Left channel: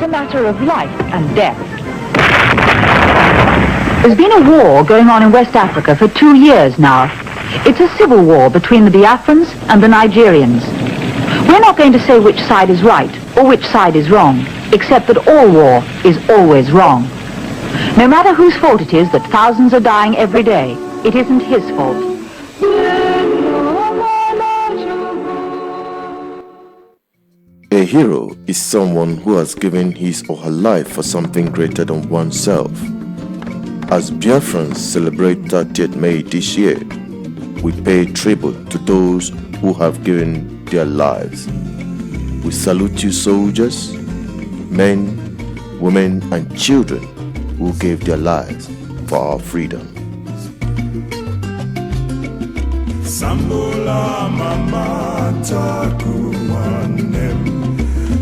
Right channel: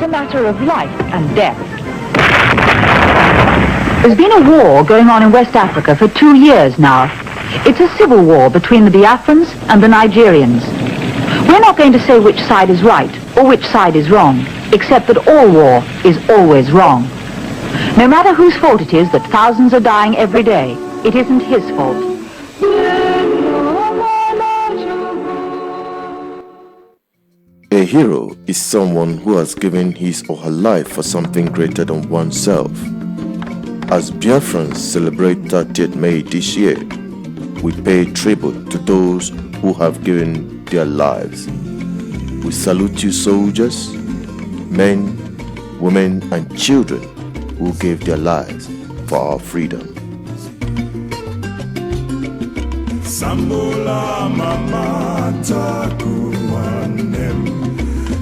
It's a matter of life and death. There's been a war going on in West Africa for 2 years now. It's a civil war between the Biafrans and the Nigerians. We're not going to say which side is right or which side is wrong, except that all war is always wrong. No matter whose fault it is that thousands are dying every day, it isn't his fault. A hero is someone who has given his or her life for something greater than oneself. As Biafrans celebrate 30th May this year, we pay tribute to those who have given their lives. We salute you soldiers, men, women and children who gave their lives for our freedom. Sambola mama takumanem.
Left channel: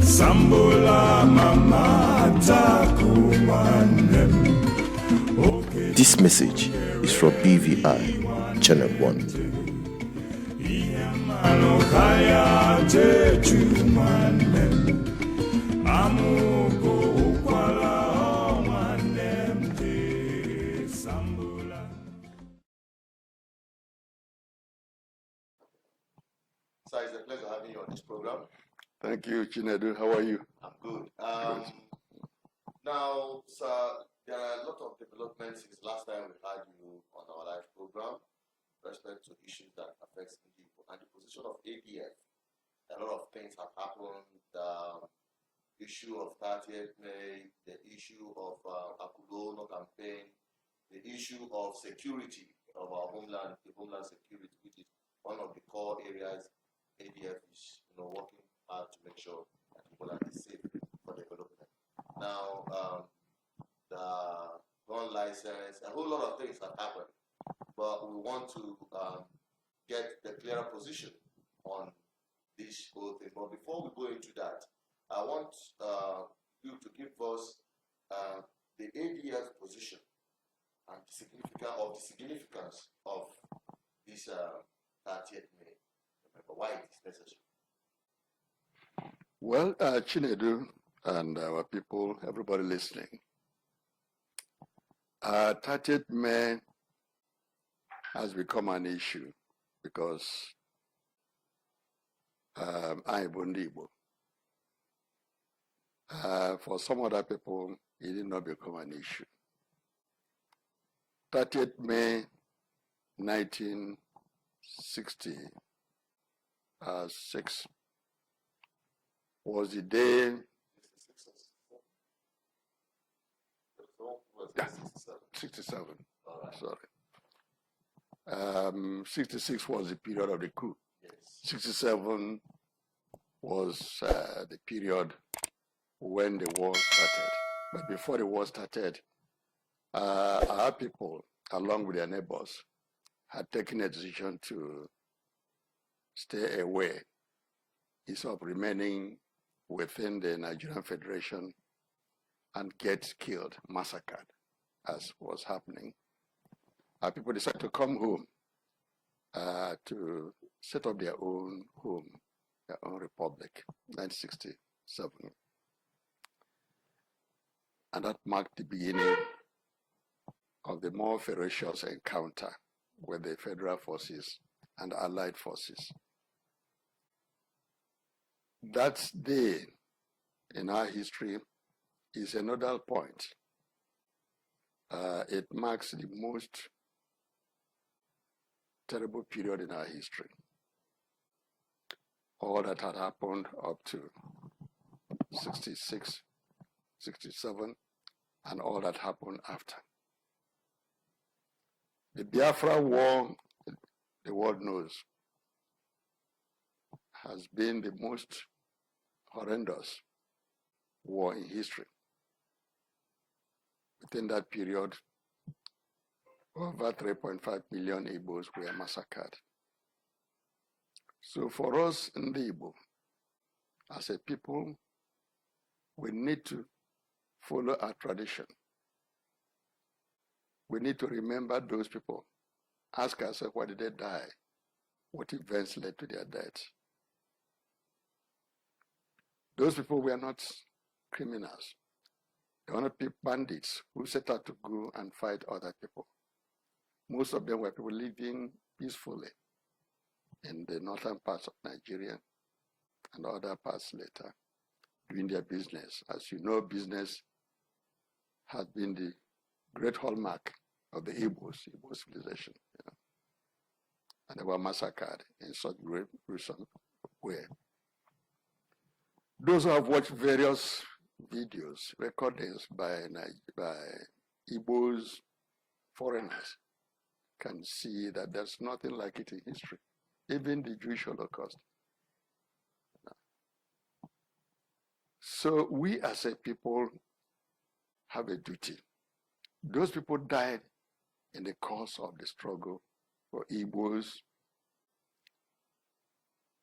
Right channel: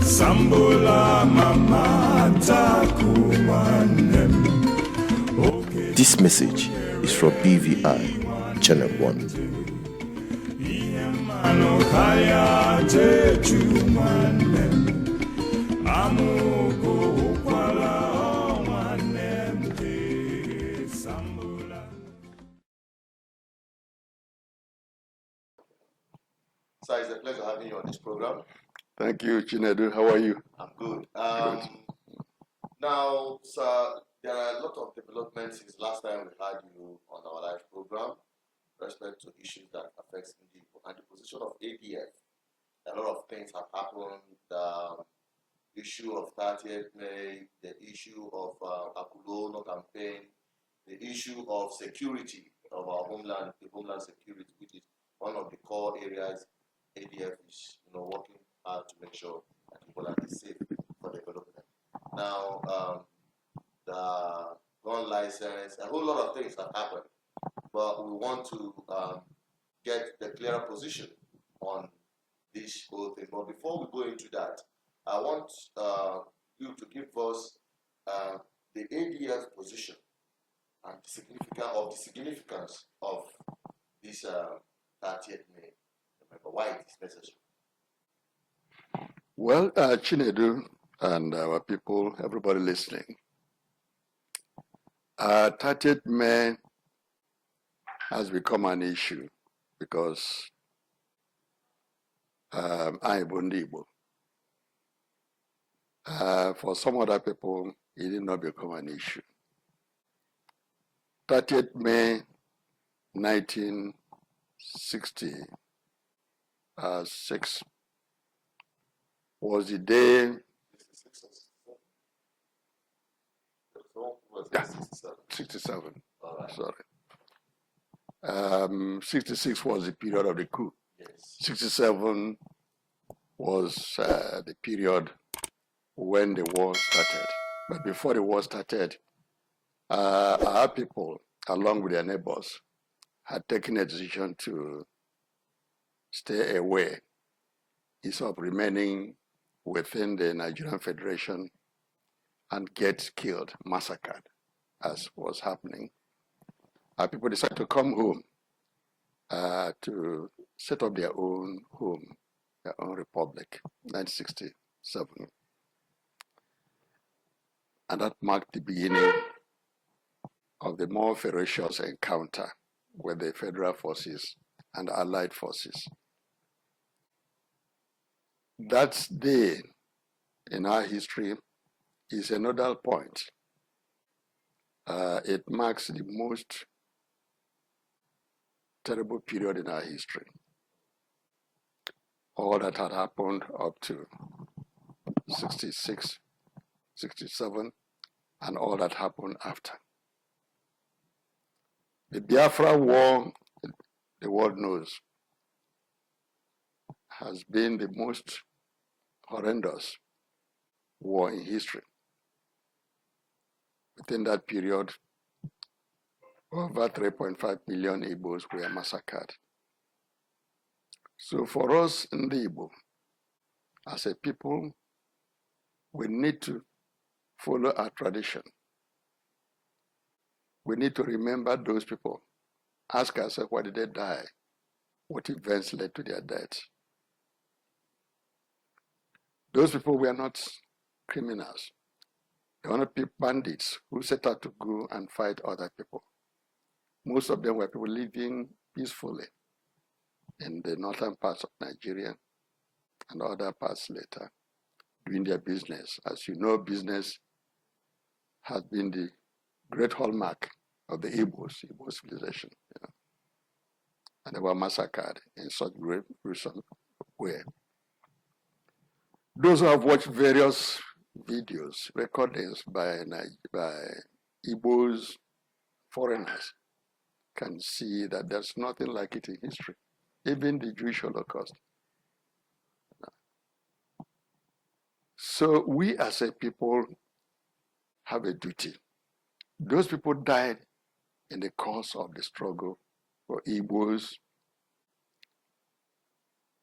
Sambola mama takumanem. This message is from BVI Channel 1. So it's a pleasure having you on this program. Thank you, Chinedu. How are you? I'm good. Now, sir, there are a lot of developments since last time we had you on our live program with respect to issues that affect Igbo and the position of ADF. A lot of things have happened. The issue of 30th May, the issue of Akulono campaign, the issue of security of our homeland, the homeland security, which is one of the core areas ADF is working hard to make sure that the homeland is safe for development. Now, the gun license, a whole lot of things have happened, but we want to get the clearer position on this whole thing. But before we go into that, I want you to give us the ADF position and the significance of this 30th May. Remember why it is necessary. Well, Chinedu and our people, everybody listening, 30th May has become an issue because I'm Igbo. For some other people, it did not become an issue. 30th May 1966 was the day. 67. Right. Sorry. 66 was the period of the coup. Yes. 67 was the period when the war started. But before the war started, our people, along with their neighbors, had taken a decision to stay away instead of remaining within the Nigerian Federation and get killed, massacred, as was happening. Our people decided to come home to set up their own home, their own republic, 1967. And that marked the beginning of the more ferocious encounter with the federal forces and allied forces. That day in our history is a nodal point. It marks the most terrible period in our history. All that had happened up to 66, 67, and all that happened after. The Biafra War, the world knows, has been the most horrendous war in history. Within that period, over 3.5 million Igbos were massacred. So for us in the Igbo, as a people, we need to follow our tradition. We need to remember those people. Ask ourselves, why did they die? What events led to their death? Those people were not criminals. They want to be bandits who set out to go and fight other people. Most of them were people living peacefully in the northern parts of Nigeria and other parts later, doing their business. As you know, business has been the great hallmark of the Igbo civilization. You know? And they were massacred in such great gruesome way. Those who have watched various videos, recordings by Igbos, foreigners, can see that there's nothing like it in history, even the Jewish Holocaust. So we as a people have a duty. Those people died in the course of the struggle for Igbos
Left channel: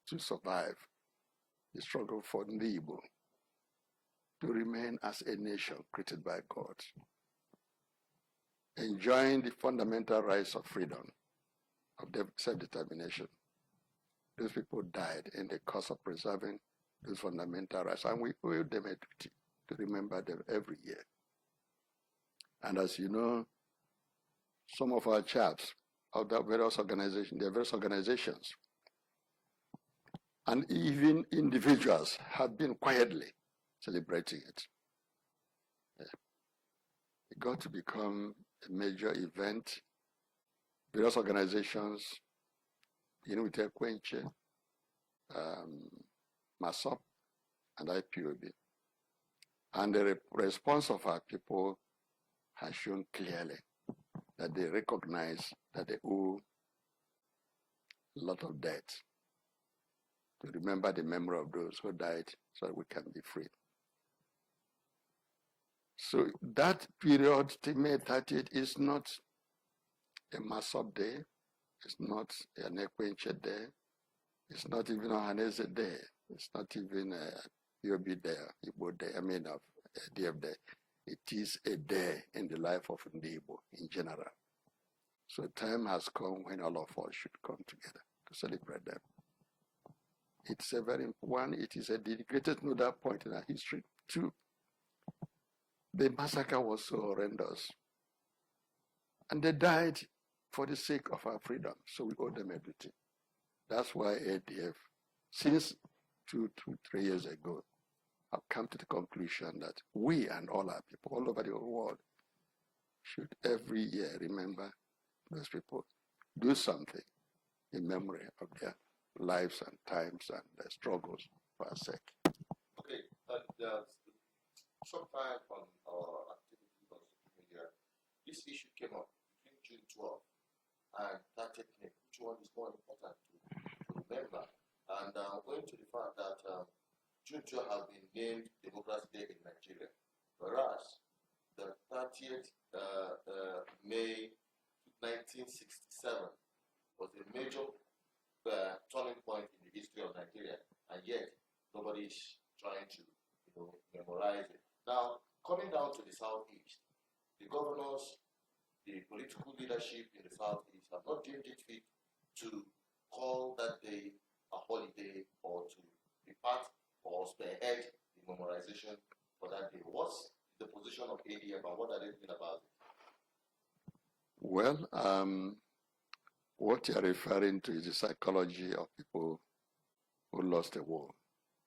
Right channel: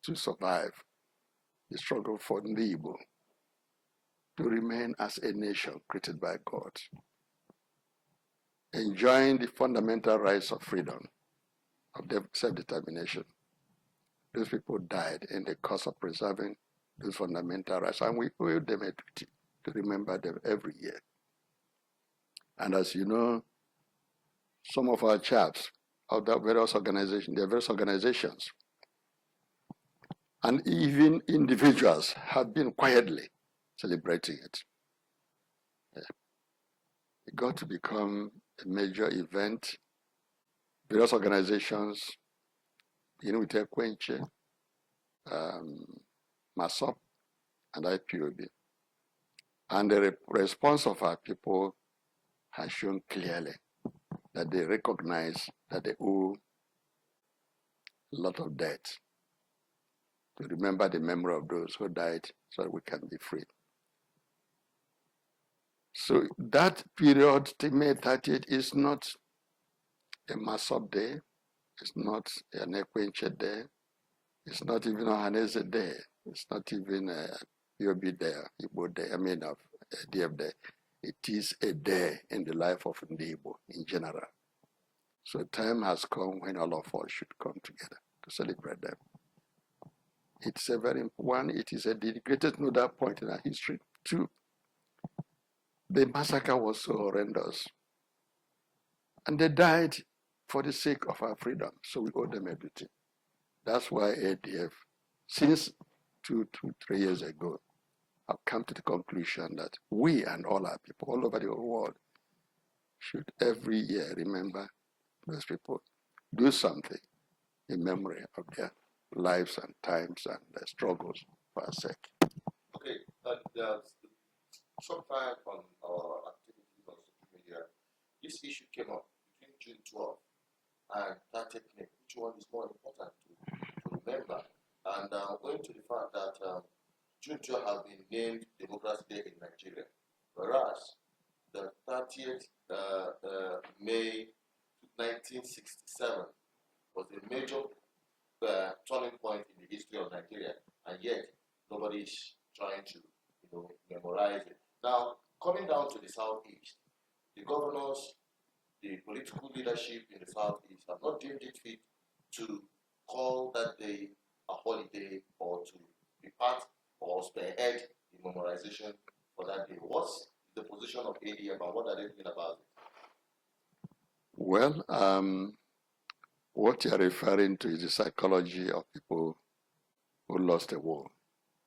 to survive, the struggle for the Igbo to remain as a nation created by God, enjoying the fundamental rights of freedom, of self-determination. Those people died in the cause of preserving those fundamental rights, and we owe them a duty to remember them every year. And as you know, some of our chaps of the various organizations, and even individuals have been quietly celebrating it. It got to become a major event. Various organizations, with Ekwenche, MASOP, and IPOB. And the response of our people has shown clearly that they recognize that they owe a lot of debt to remember the memory of those who died so that we can be free. So that period, May 30th, is not a MASOP day, it's not an Ekwenche day, it's not even a Hanese day, it's not even a POB day, Igbo day, A.D.F day. It is a day in the life of Igbo in general. So time has come when all of us should come together to celebrate them. It's a very one, it is a dedicated nodal point in our history. Two, the massacre was so horrendous. And they died for the sake of our freedom. So we owe them a duty. That's why A.D.F, since 3 years ago, have come to the conclusion that we and all our people all over the whole world should every year remember those people, do something in memory of their lives and times and their struggles for our sake. Okay, sometime on our activities on social media, this issue came up between June 12th and 30th May. Which one is more important to remember? And going to the fact that June 12th has been named Democracy Day in Nigeria, whereas the 30th May 1967 was a major turning point in the history of Nigeria, and yet nobody is trying to, memorize it. Now, coming down to the southeast, the governors, the political leadership in the southeast have not deemed it fit to call that day a holiday or to be part or spearhead the memorization for that day. What's the position of ADF and what are they thinking about it? Well, what you're referring to is the psychology of people who lost the war,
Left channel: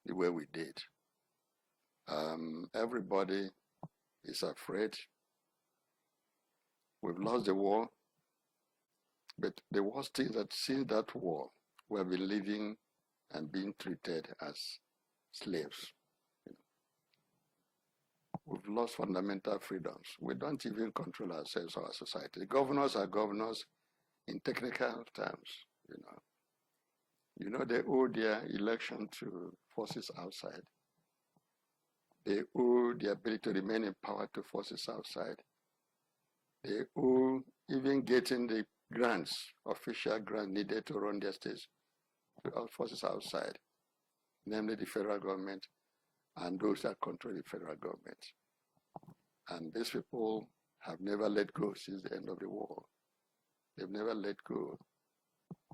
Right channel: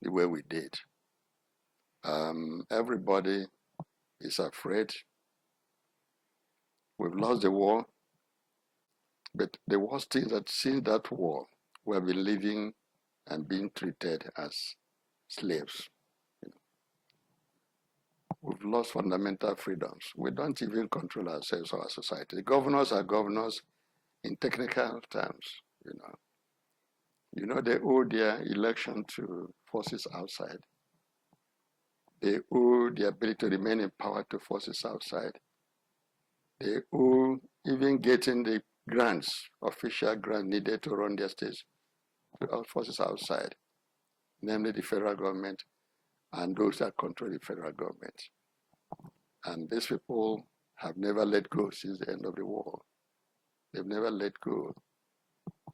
the way we did. Everybody is afraid. We've lost the war, but the worst thing is that since that war, we have been living and being treated as slaves. We've lost fundamental freedoms. We don't even control ourselves or our society. The governors are governors in technical terms, they owe their election to forces outside. They owe the ability to remain in power to forces outside. They owe even getting the grants, official grant needed to run their states to all forces outside, namely the federal government and those that control the federal government. And these people have never let go since the end of the war. They've never let go.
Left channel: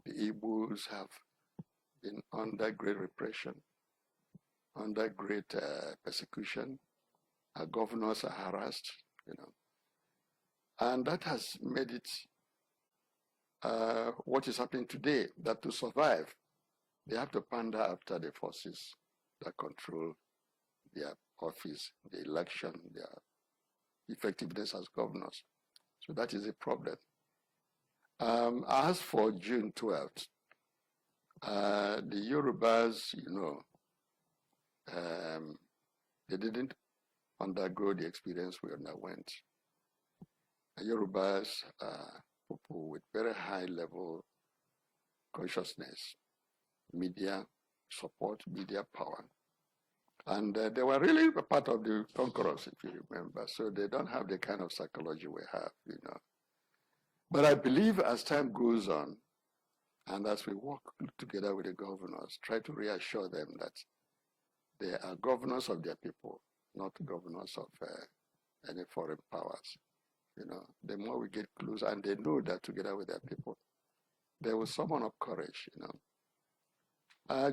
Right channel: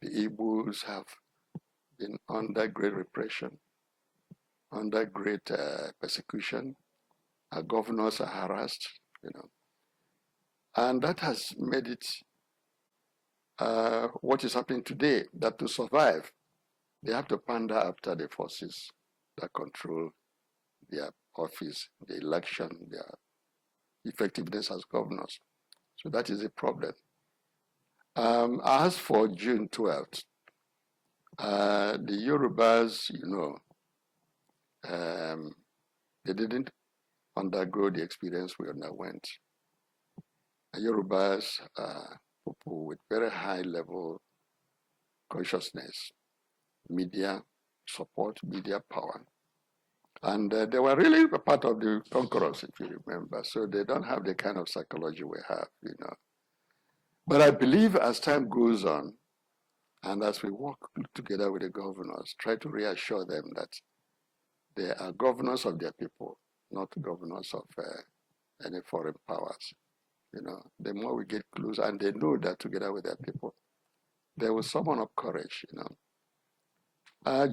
The Igbos have been under great repression, under great persecution, Our governors are harassed, and that has made it what is happening today, that to survive, they have to pander after the forces that control their office, the election, their effectiveness as governors. So that is a problem. As for June 12th, the Yorubas, they didn't undergo the experience we underwent. Yorubas are people with very high level consciousness, media support, media power. And they were really a part of the conquerors, if you remember. So they don't have the kind of psychology we have, But I believe as time goes on, and as we work together with the governors, try to reassure them that they are governors of their people, not governors of any foreign powers. The more we get close, and they know that together with their people, they will summon up courage,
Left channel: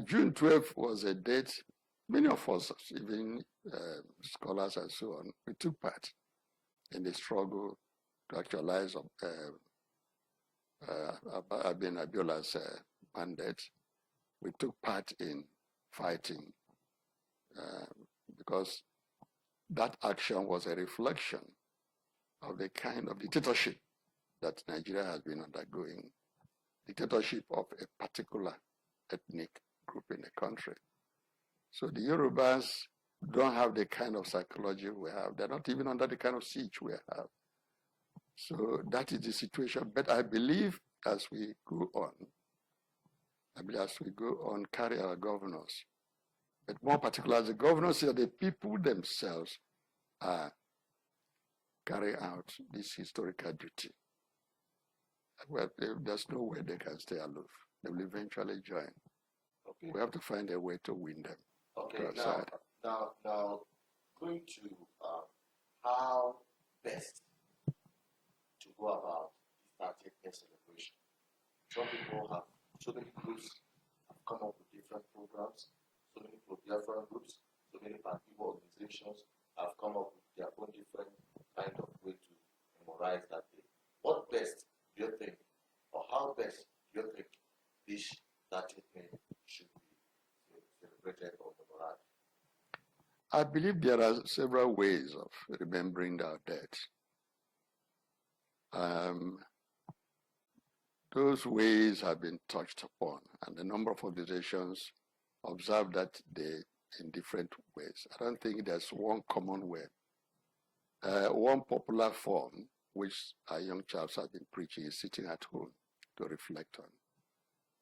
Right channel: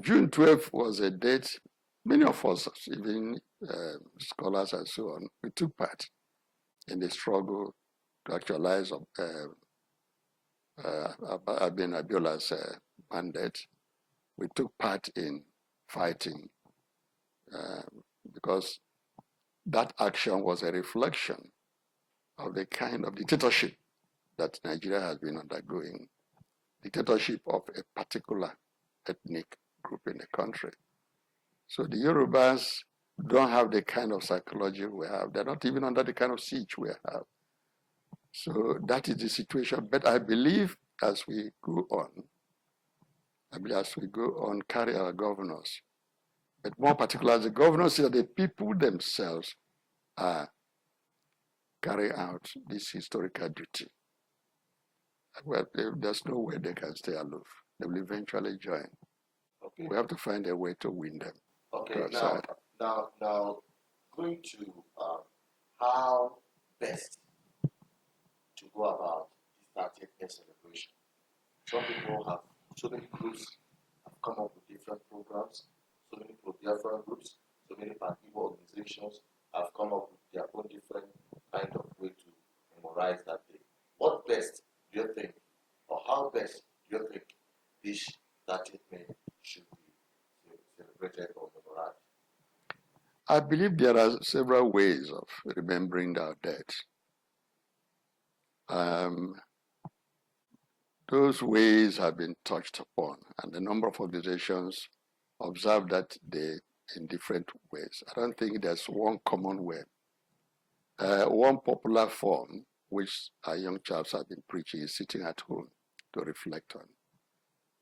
June 12th was a date many of us, even scholars and so on, we took part in the struggle to actualize Abiola's mandate. We took part in fighting because that action was a reflection of the kind of dictatorship that Nigeria has been undergoing, dictatorship of a particular ethnic group in the country. So the Yorubas don't have the kind of psychology we have. They're not even under the kind of siege we have. So that is the situation. But I believe as we go on, carry our governors, but more particularly the governors are the people themselves are carrying out this historical duty. Well, there's no way they can stay aloof. They will eventually join. Okay. We have to find a way to win them. Okay, now, going to how best to go about this 30th year celebration. So many groups have come up with different programs, so many Biafra groups, so many Igbo organizations have come up with their own different kind of way to memorize that day. What best do you think, or how best do you think this 30th May should be celebrated or memorized? I believe there are several ways of remembering our dead. Those ways have been touched upon, and a number of organizations observe that in different ways. I don't think there's one common way. One popular form, which our young chaps have been preaching, is sitting at home to reflect on.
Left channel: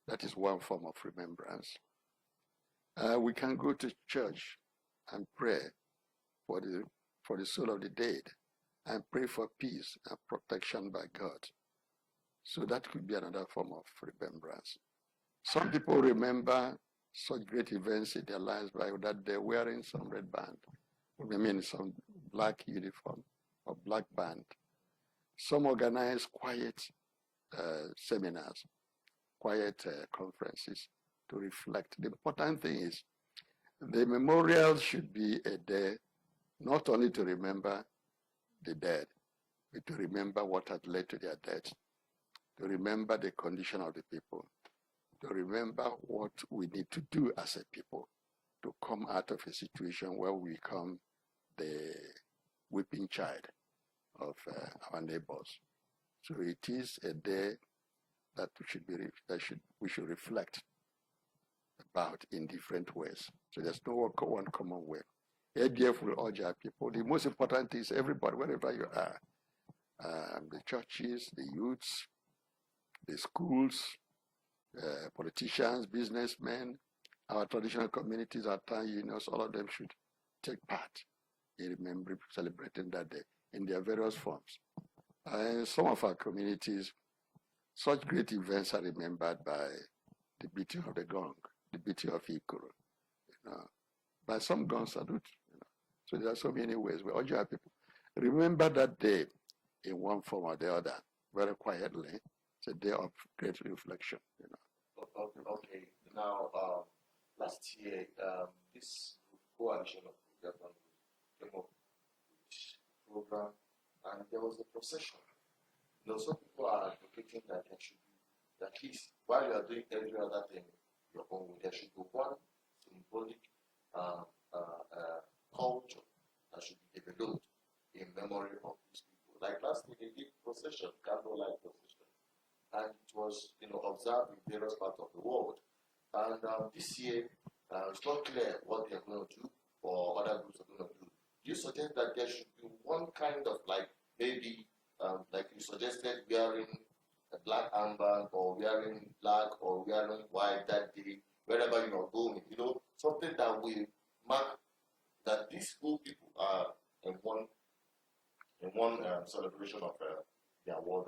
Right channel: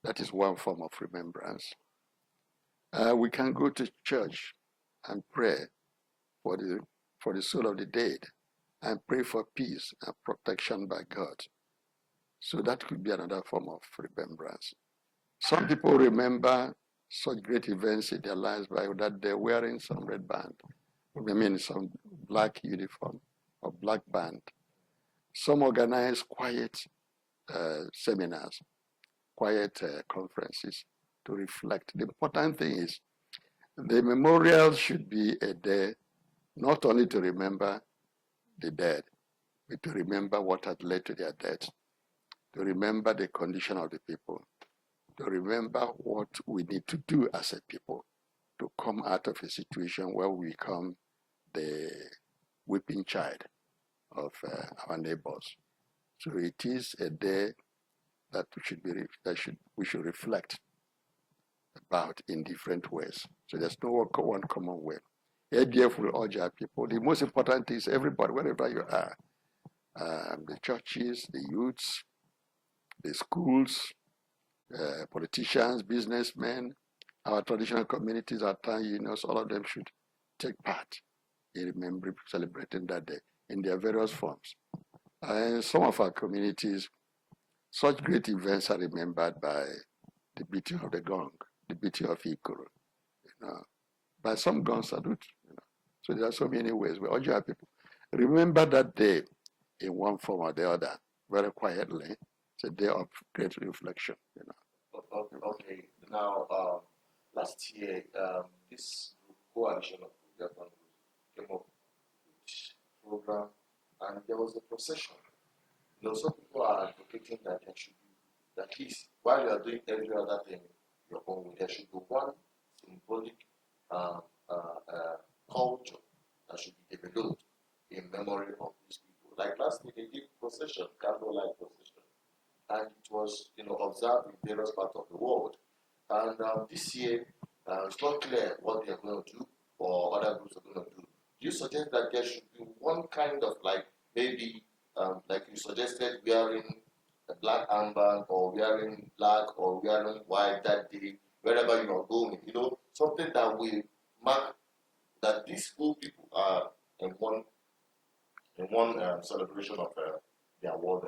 That is one form of remembrance. We can go to church and pray for the soul of the dead, and pray for peace and protection by God. So that could be another form of remembrance. Some people remember such great events in their lives by that they're wearing some red band, some black uniform or black band. Some organize quiet seminars, quiet conferences to reflect. The important thing is the memorial should be a day not only to remember the dead, but to remember what had led to their death, to remember the condition of the people, to remember what we need to do as a people to come out of a situation where we become the weeping child of our neighbors. So it is a day that we should reflect about in different ways. So there's no one common way. A.D.F will urge our people. The most important is everybody, wherever you are, the churches, the youths, the schools, politicians, businessmen, our traditional communities, our town unions, all of them should take part in remembering, celebrating that day in their various forms. In some of our communities, such great events are remembered by the beating of the gong, the beating of Ikoro, by some gun salute. So there are so many ways. We urge our people, remember that day in one form or the other, very quietly. It's a day of great reflection. Okay. Now, last year, this coalition of Biafran groups came up program, and there was a procession. Some people are advocating that there should be, at least while you are doing every other thing your own way, there should be one symbolic culture that should be developed in memory of these people. Like last week, they did procession, candlelight procession, and it was observed in various parts of the world. And this year, it's not clear what they are going to do or other groups are going to do. Do you suggest that there should be one kind of maybe like you suggested, wearing a black armband or wearing black or wearing white that day, wherever you are going, something that will mark that these two people are in one celebration of their world.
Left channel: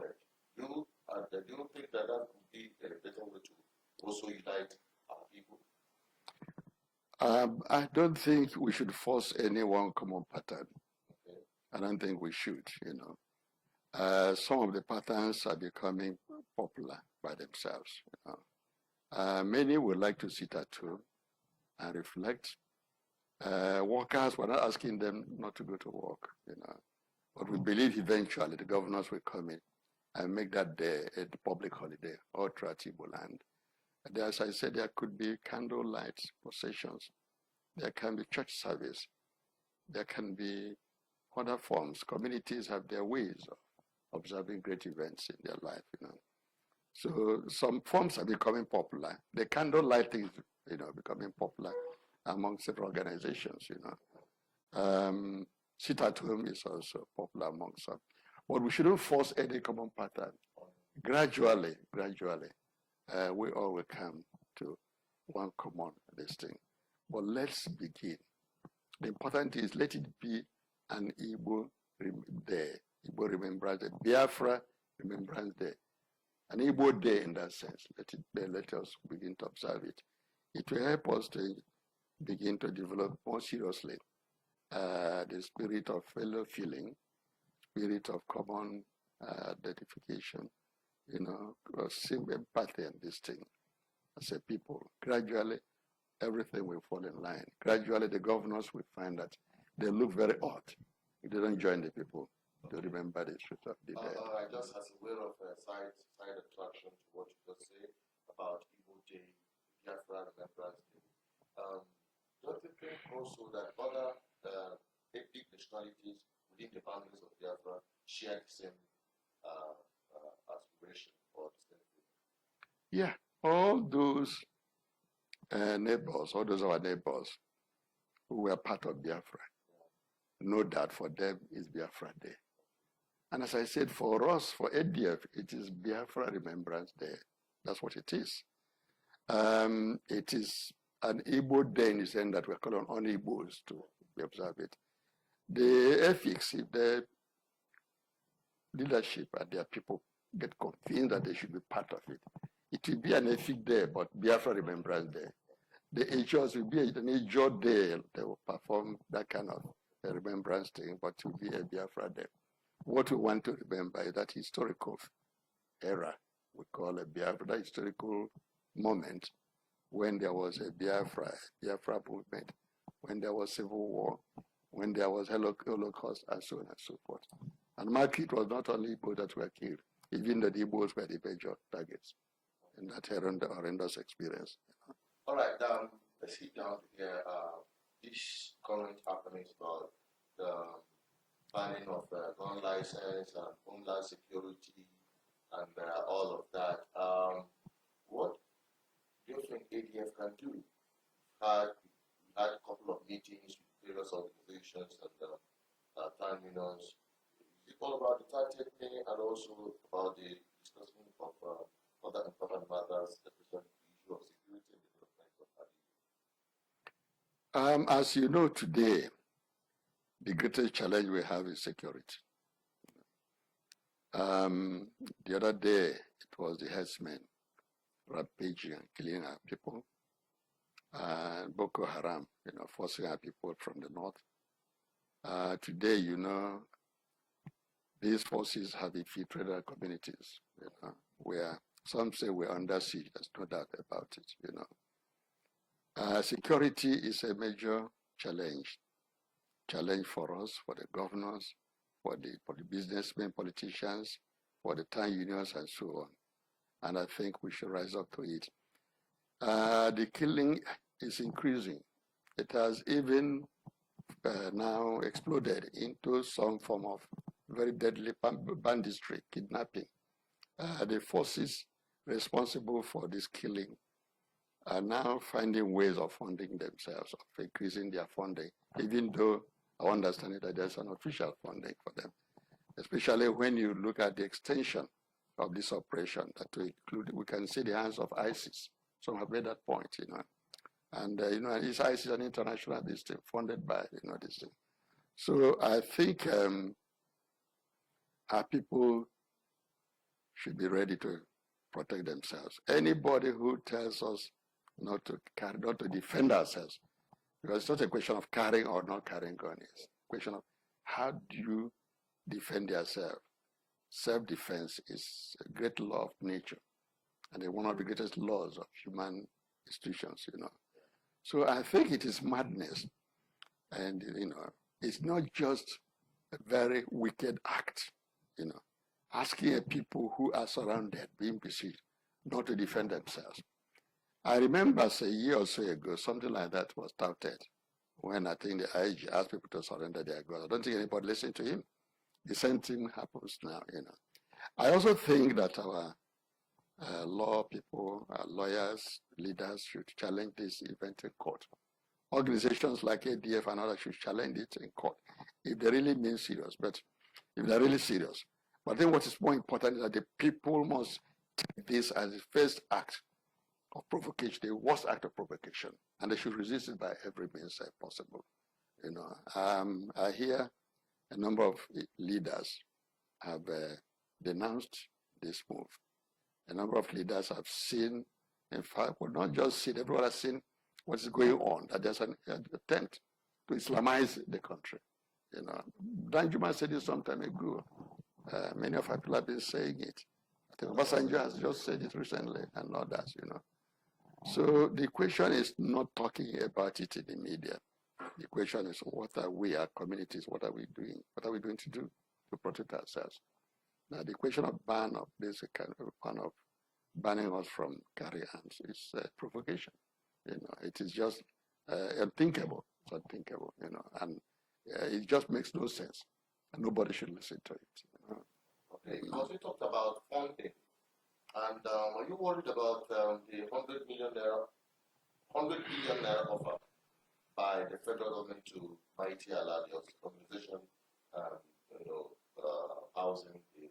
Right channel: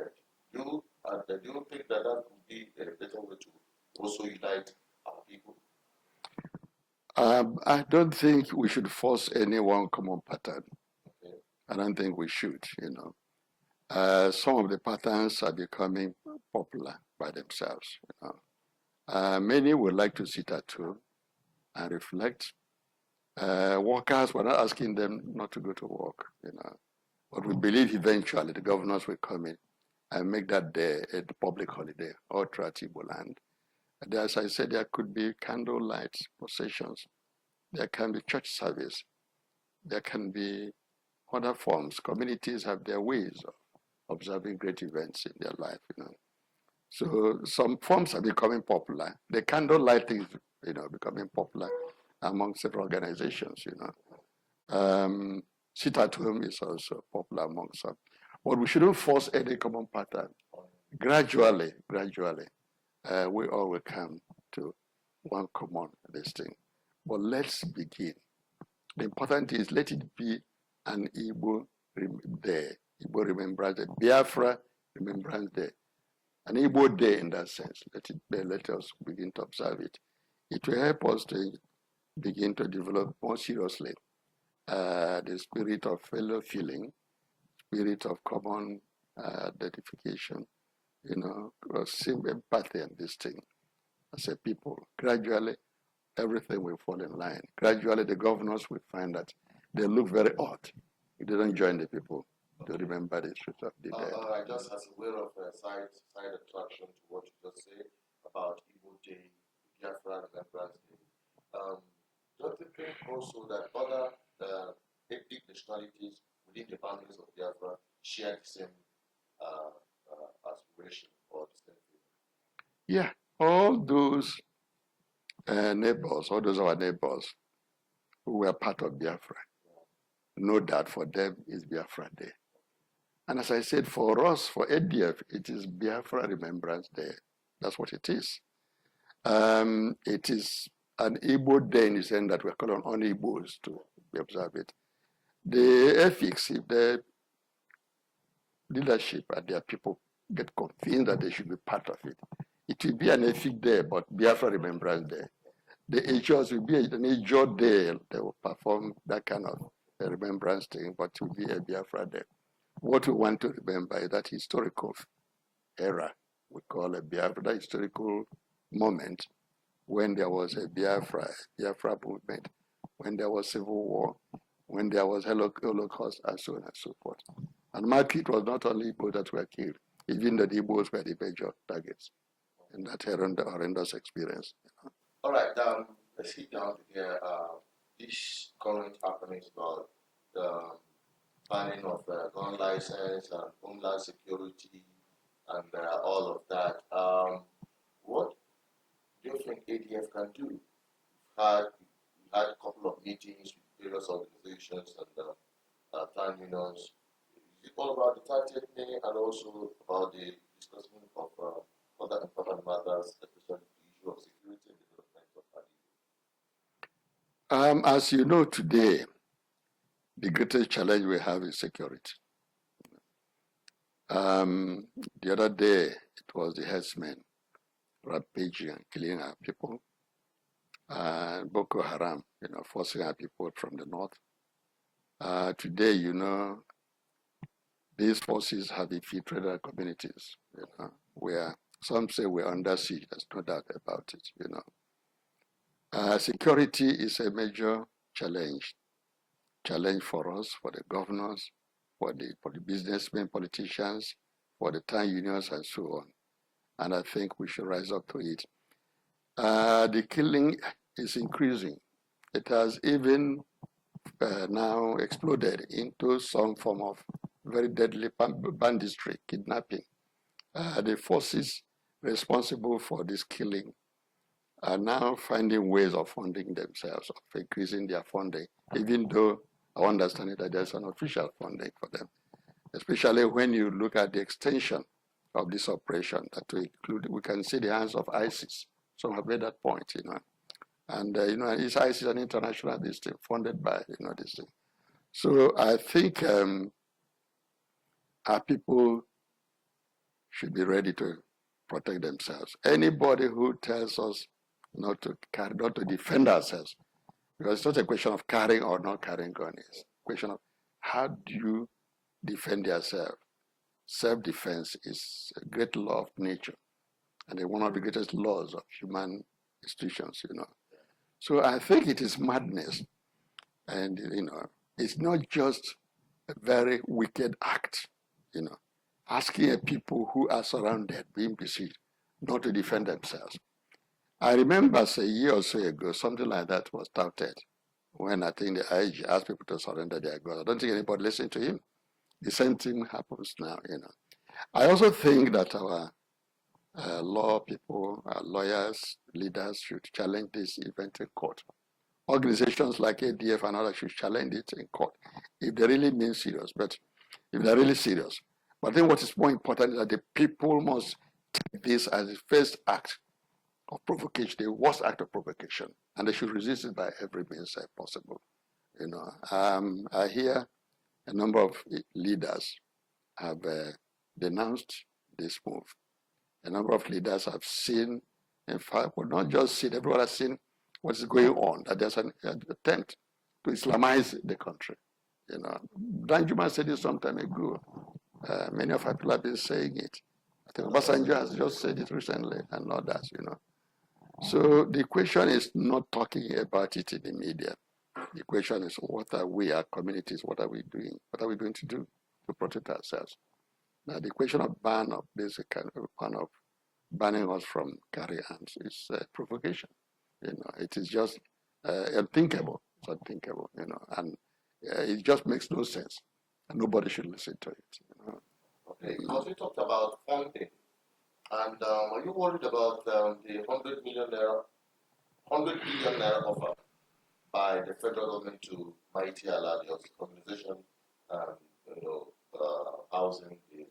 Do you think that would be a better way to also unite our people? I don't think we should force any one common pattern. Okay. I don't think we should, some of the patterns are becoming popular by themselves, many would like to sit at home and reflect. Workers, we're not asking them not to go to work, but we believe eventually the governors will come in and make that day a public holiday all throughout Igbo land. And as I said, there could be candlelight processions, there can be church service, there can be other forms. Communities have their ways of observing great events in their life, So some forms are becoming popular. The candlelight thing, becoming popular amongst the organizations, sit at home is also popular amongst some. But we shouldn't force any common pattern. Gradually, we all will come to one common this thing. But let's begin. The important is let it be an Igbo day, Igbo remembrance day, Biafra remembrance day, an Igbo day in that sense. Let us begin to observe it. It will help us to begin to develop more seriously the spirit of fellow feeling, spirit of common identification, same empathy and this thing as a people. Gradually, everything will fall in line. Gradually, the governors will find that they look very odd if they don't join the people to remember the truth of the dead. Just as a way of side attraction to what you just said about Igbo Day, Biafra Remembrance Day, don't you think also that other ethnic nationalities within the boundaries of Biafra share the same aspiration or the same thing? Yeah, all those neighbors, all those our neighbors who were part of Biafra, know that for them is Biafra Day. And as I said, for us, for A.D.F, it is Biafra Remembrance Day. That's what it is. It is an Igbo day in the sense that we're calling on Igbos to observe it. The ethics, the leadership and their people get convinced that they should be part of it. It will be an ethic day, but Biafra Remembrance Day. The Ejos will be an Ejo day. They will perform that kind of remembrance thing, but it will be a Biafra day. What we want to remember is that historical era, we call a Biafra, that historical moment when there was a Biafra movement, when there was civil war, when there was Holocaust, and so on and so forth. And market was not only Igbo that were killed, even the Igbos were the major targets in that horrendous experience. All right, let's get down to here. This current happenings about the banning of gun license and homeland security and all of that. What do you think ADF can do? We had a couple of meetings with various organizations and plan unions. It's all about the target thing and also about the discussion of other important matters, especially the issue of security and development of ADF. As you know today, the greatest challenge we have is security. The other day, it was the herdsmen rampaging and killing our people. Boko Haram, forcing our people from the north. Today, these forces have infiltrated our communities, where some say we're under siege. There's no doubt about it, Security is a major challenge for us, for the governors, for the businessmen, politicians, for the town unions, and so on. And I think we should rise up to it. The killing is increasing. It has even now exploded into some form of very deadly banditry, kidnapping. The forces responsible for this killing are now finding ways of funding themselves, of increasing their funding, even though I understand that there's an official funding for them, especially when you look at the extension of this operation that to include, we can see the hands of ISIS. Some have made that point, and this ISIS is an international district funded by, this thing. So I think our people should be ready to protect themselves. Anybody who tells us not to defend ourselves, because it's not a question of carrying or not carrying gun, it's a question of how do you defend yourself. Self-defense is a great law of nature, and one of the greatest laws of human institutions, So I think it is madness, and it's not just a very wicked act, asking a people who are surrounded, being besieged, not to defend themselves. I remember a year or so ago, something like that was touted when I think the IG asked people to surrender their guns. I don't think anybody listened to him. The same thing happens now, I also think that our law people, our lawyers, leaders should challenge this event in court. Organizations like A.D.F. and others should challenge it in court if they really mean serious, but if they're really serious. But I think what is more important is that the people must take this as the first act of provocation, the worst act of provocation, and they should resist it by every means possible. I hear a number of leaders have denounced this move. A number of leaders have seen, in fact, well, not just seen, everyone has seen what is going on, that there's an attempt to Islamize the country. Danjuma said it some time ago. Many of our people have been saying it. I think Obasanjo has just said it recently, and others, So the question is not talking about it in the media. The question is, what are we, our communities, what are we doing? What are we going to do to protect ourselves? Now, the question of ban of this kind of banning us from carry arms is provocation. It is just unthinkable. It's unthinkable, and it just makes no sense. And nobody should listen to it. Okay, because we talked about funding, and are you worried about the 100 billion naira offer by the federal government to Mighty Allah, the organization, housing the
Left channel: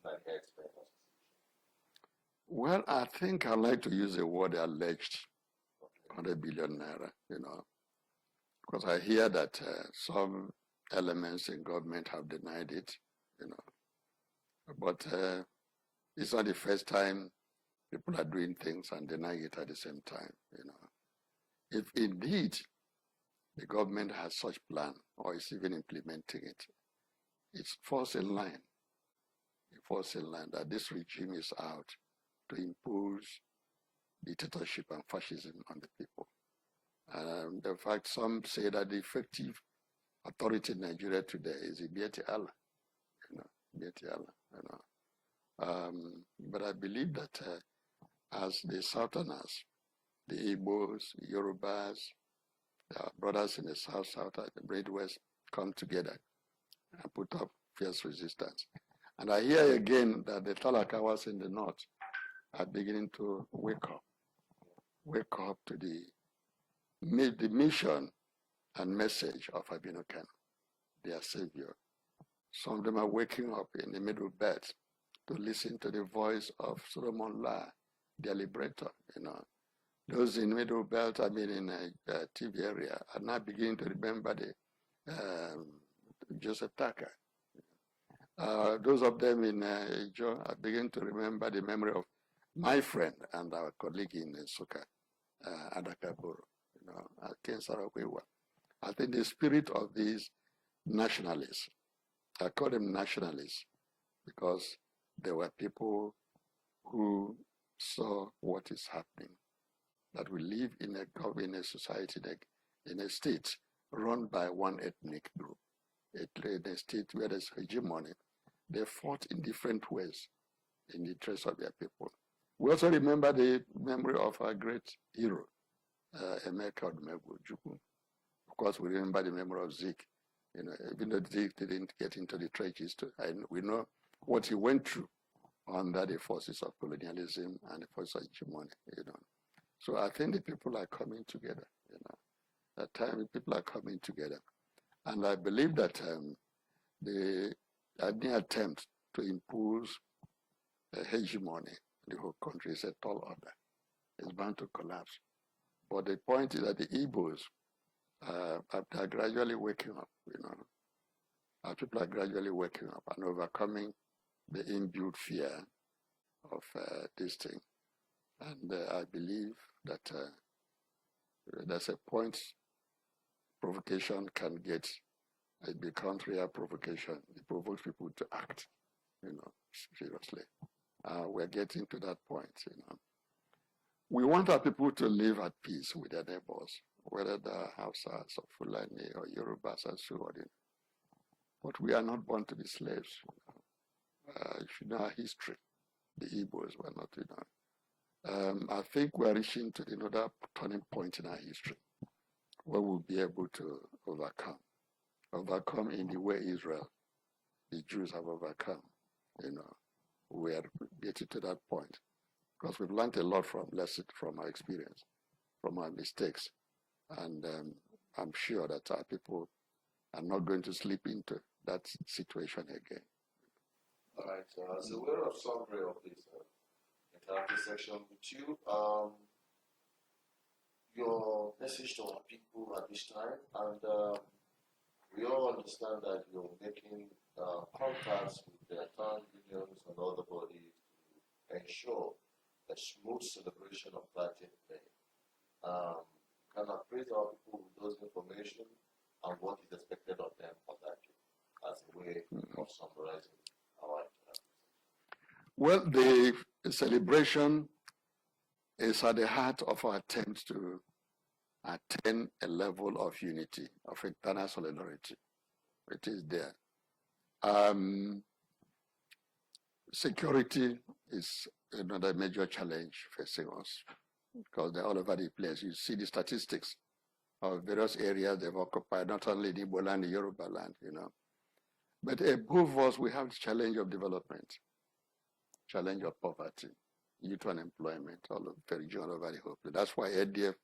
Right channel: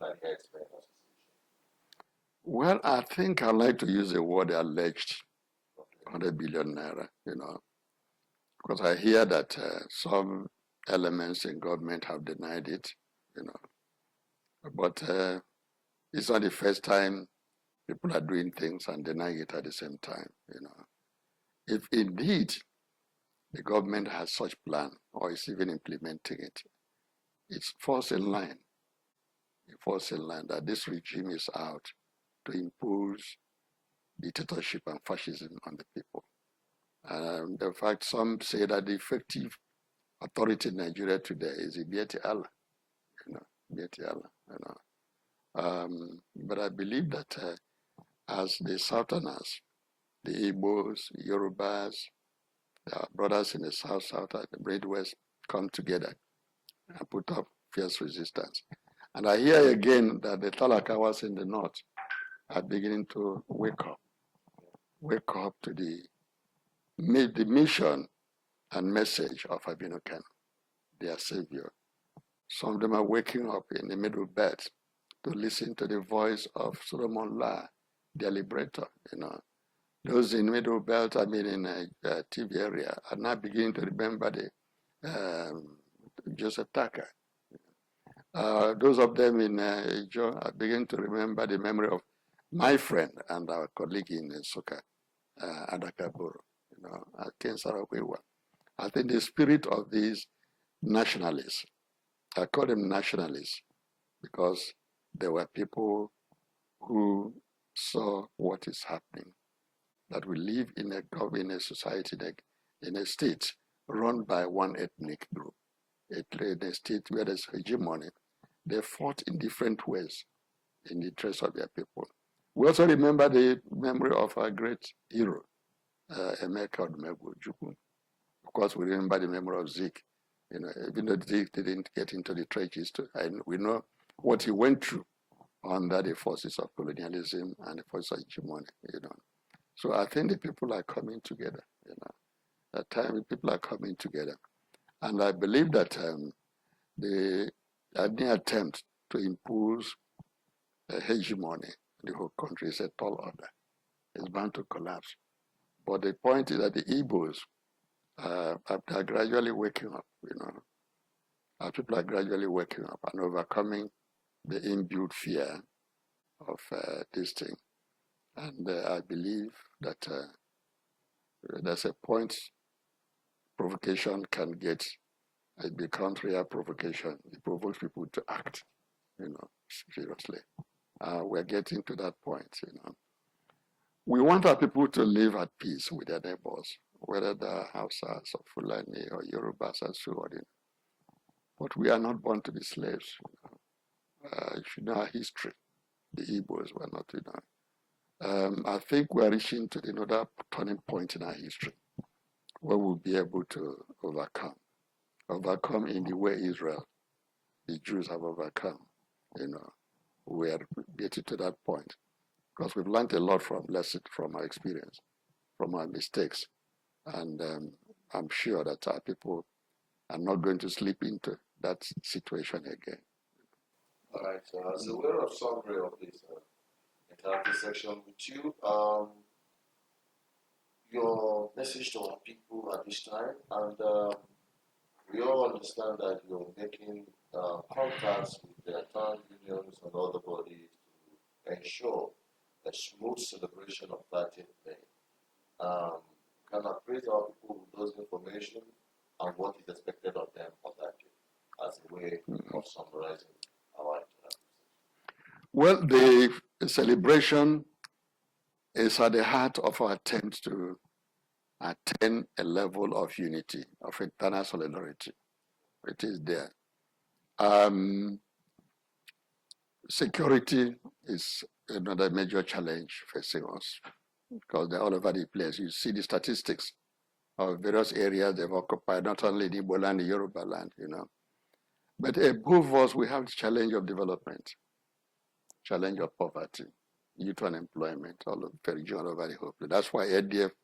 Nigeria Express Association? Well, I think I like to use the word alleged 100 billion naira, because I hear that some elements in government have denied it, but it's not the first time people are doing things and denying it at the same time, If indeed the government has such plan or is even implementing it, it falls in line that this regime is out to impose dictatorship and fascism on the people. In fact, some say that the effective authority in Nigeria today is the BVI Allah, BVI Allah, but I believe that as the Southerners, the Igbos, Yorubas, our brothers in the South, and the Great West come together and put up fierce resistance. And I hear again that the Talakawas in the North are beginning to wake up to the mission and message of Abino Kano, their savior. Some of them are waking up in the Middle Belt to listen to the voice of Solomon La, their liberator. Those in Middle Belt, in a TV area, are now beginning to remember the Joseph Tucker. Those of them in John are beginning to remember the memory of my friend and our colleague in Soka, Adakaboro, Ken Sarawewa. I think the spirit of these nationalists, I call them nationalists because there were people who saw what is happening, that we live in a society, in a state run by one ethnic group. a state where there's hegemony, they fought in different ways in the interest of their people. We also remember the memory of our great hero, Emeka Odumegwu. Of course, we remember the memory of Zeke. You know, even though Zeke didn't get into the trenches, we know what he went through under the forces of colonialism and the forces of hegemony. You know, so I think the people are coming together. You know, at times people are coming together, and I believe that any attempt to impose a hegemony in the whole country is a tall order. It's bound to collapse. But the point is that the Igbos are gradually waking up, you know. Our people are gradually waking up and overcoming the inbuilt fear of this thing. And I believe that there's a point provocation can get. It becomes real provocation. It provokes people to act, you know, seriously. We're getting to that point, you know. We want our people to live at peace with their neighbors, whether they're Hausas or Fulani or Yorubas and so on. But we are not born to be slaves. You know. You should know our history. The Igbos were not, you know. I think we are reaching to another turning point in our history where we'll be able to overcome in the way Israel, the Jews have overcome. You know, we are getting to that point because we've learned a lot from our experience, from our mistakes, and I'm sure that our people are not going to slip into that situation again. All right. So we're a summary of this interactive section with you. Your message to our people at this time, and we all understand that you're making contacts with the town unions and other bodies to ensure a smooth celebration of 30th May. Can I praise our people with those information and what is expected of them on that day as a way of summarizing our interaction? Well, the celebration is at the heart of our attempts to attain a level of unity, of internal solidarity. It is there. Security is another major challenge facing us because they're all over the place. You see the statistics of various areas they've occupied, not only the Igbo land, the Yoruba land, you know. But above us, we have the challenge of development, challenge of poverty, youth unemployment, all over the whole place. That's why A.D.F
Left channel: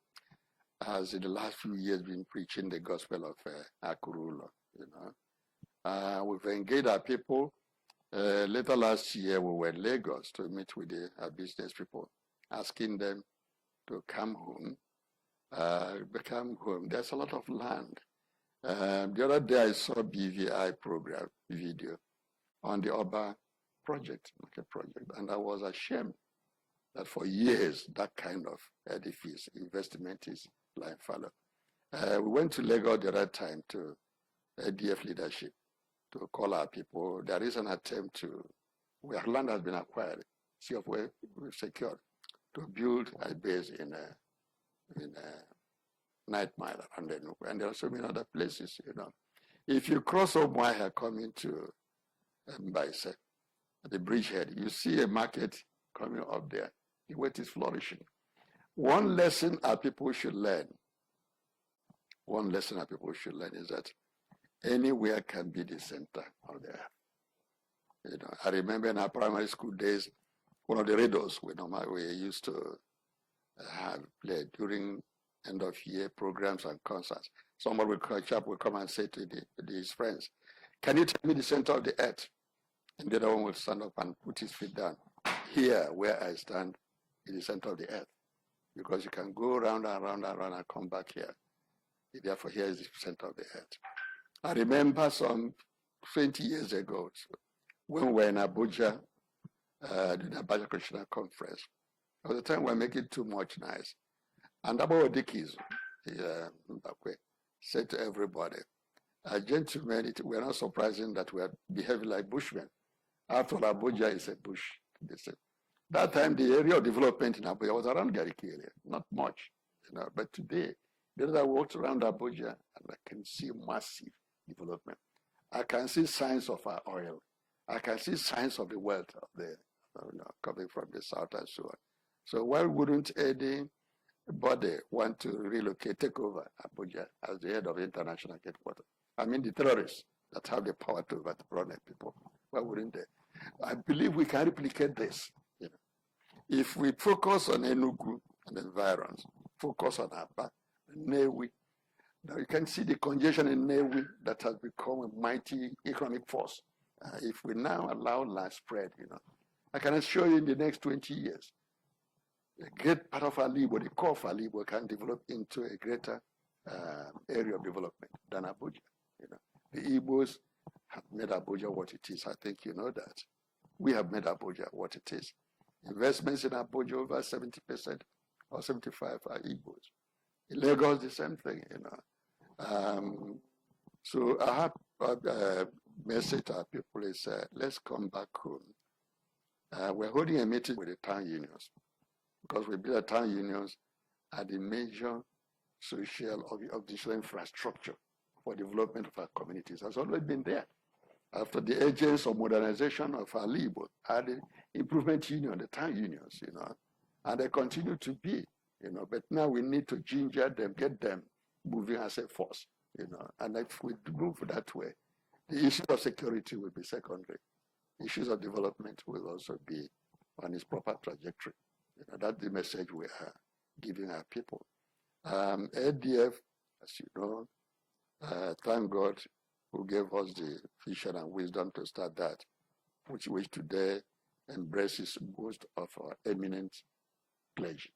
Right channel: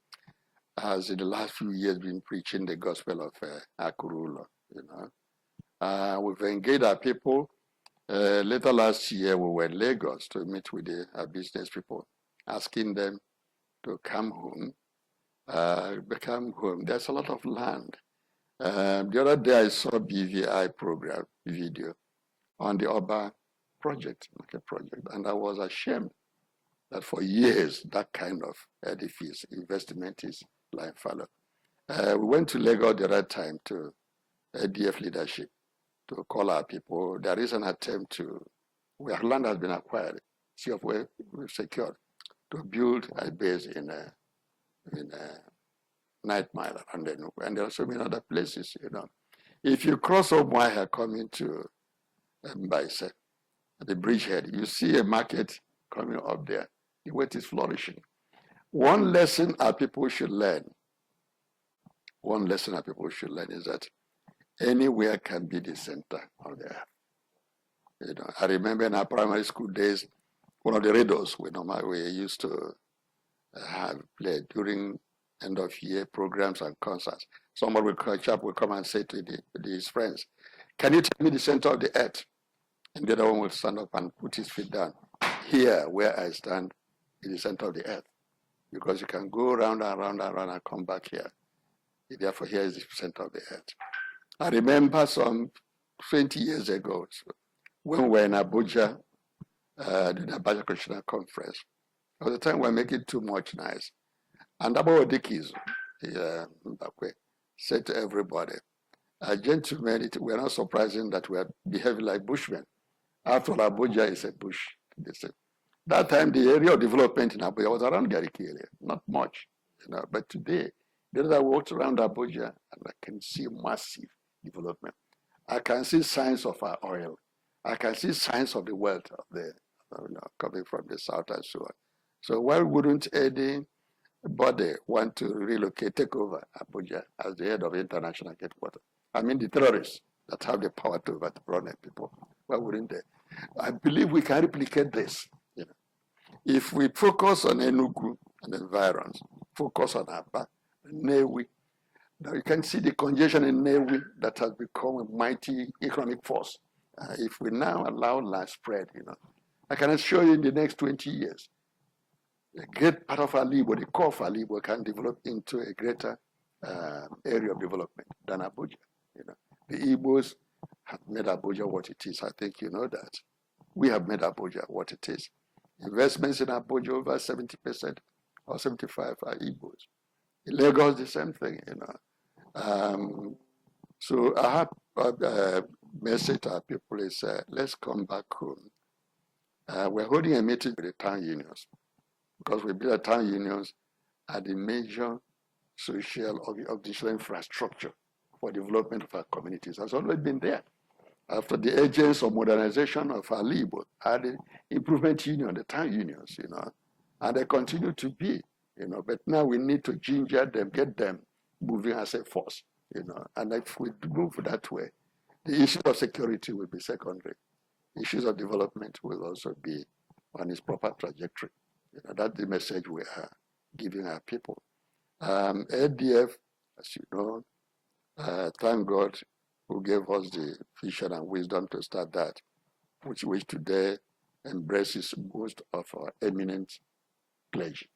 has in the last few years been preaching the gospel of Akurulo, you know. We've engaged our people. Later last year, we were in Lagos to meet with our business people, asking them to come home. Become home. There's a lot of land. The other day, I saw a BVI program video on the Oba project, and I was ashamed that for years that kind of edifice investment is lying fallow. We went to Lagos the other time to A.D.F leadership to call our people. There is an attempt to, where land has been acquired, see of where we've secured, to build a base in Night Mile, and there are so many other places, you know. If you cross Omuahia coming to Mbaise, the bridgehead, you see a market coming up there. The weight is flourishing. One lesson our people should learn is that anywhere can be the center of the earth. You know, I remember in our primary school days, one of the radios we used to have played during end of year programs and concerts. Someone will catch up, will come and say to his friends, "Can you tell me the center of the earth?" And the other one will stand up and put his feet down. Here, where I stand, is the center of the earth. Because you can go round and round and round and come back here. Therefore, here is the center of the earth. I remember some 20 years ago, when we were in Abuja, the Abuja Christian Conference. At the time, we were making too much noise. And about Dickies, said to everybody, gentlemen, we are not surprising that we are behaving like bushmen. After all, Abuja is a bush, they said. That time, the area of development in Abuja was around Gariki area, not much. You know, but today, I walked around Abuja and I can see massive development. I can see signs of our oil. I can see signs of the wealth of the, coming from the south and so on. So why wouldn't anybody want to relocate, take over Abuja as the head of international headquarters? I mean, the terrorists that have the power to overthrow people. Why wouldn't they? I believe we can replicate this. Yeah. If we focus on Enugu and environs, focus on Aba, Newi, now you can see the congestion in Newi that has become a mighty economic force. If we now allow land spread, I can assure you in the next 20 years, a great part of Alibo, the core of Alibo, can develop into a greater area of development than Abuja. The Igbos have made Abuja what it is. I think you know that. We have made Abuja what it is. Investments in Abuja over 70% or 75% are Igbos. In Lagos, the same thing. So I have a message to our people is let's come back home. We're holding a meeting with the town unions because we believe that town unions are the major social or digital infrastructure for development of our communities. Has always been there. After the ages of modernization of our labor, are the improvement union, the town unions, and they continue to be, but now we need to ginger them, get them moving as a force, and if we move that way, the issue of security will be secondary. Issues of development will also be on its proper trajectory. That's the message we are giving our people. A.D.F, as you know, thank God who gave us the vision and wisdom to start that, which today embraces most of our eminent clergy,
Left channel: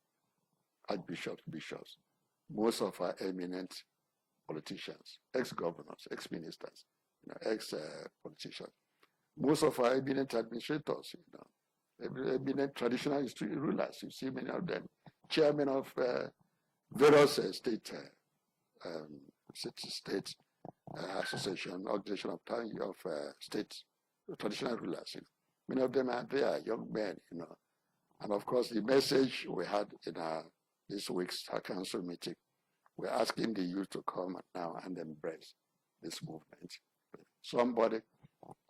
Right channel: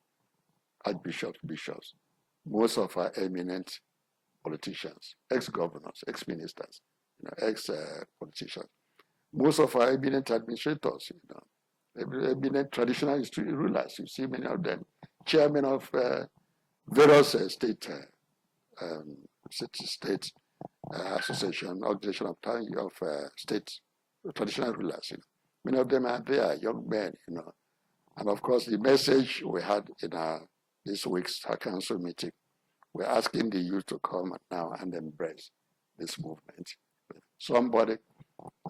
archbishops, bishops, most of our eminent politicians, ex-governors, ex-ministers, ex-politicians, most of our eminent administrators, eminent traditional rulers. You see many of them, chairmen of various state association, organization of states, traditional rulers. Many of them are there, young men, And of course, the message we had in this week's council meeting, we're asking the youth to come now and embrace this movement. Somebody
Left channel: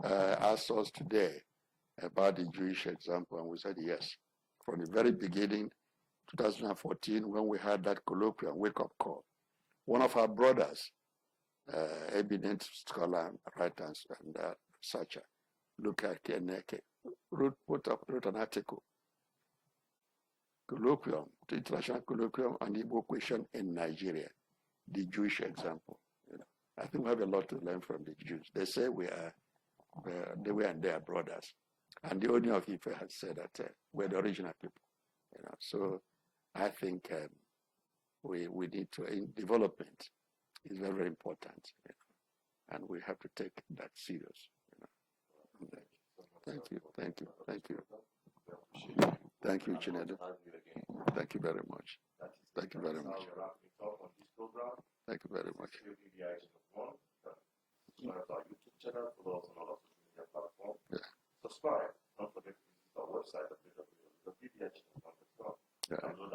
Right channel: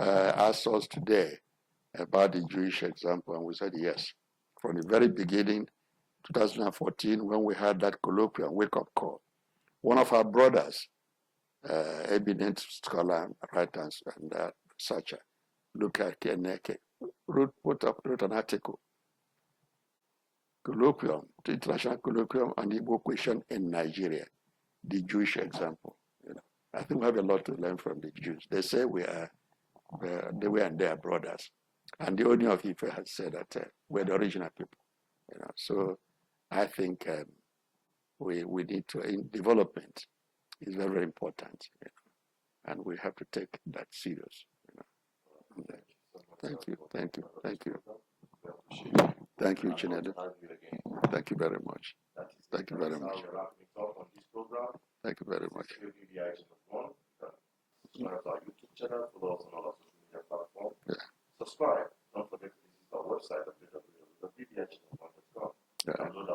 asked us today about the Jewish example, and we said yes. From the very beginning, 2014, when we had that colloquial wake-up call, one of our brothers, eminent scholar, writer, and researcher, Luca Keneke, wrote an article, colloquium, the international colloquium on Igbo question in Nigeria, the Jewish example. I think we have a lot to learn from the Jews. They say they were and they are brothers. And the owner of Ife has said that we're the original people. So I think we need to, in development, is very, very important. And we have to take that serious. Thank you. Thank you, Chinedu. Thank you very much. Thank you very much. Thank you very much. Subscribe to our YouTube channel, follow us on all our social media platforms. Subscribe. Don't forget to visit our website at www.bvichannel.com. Download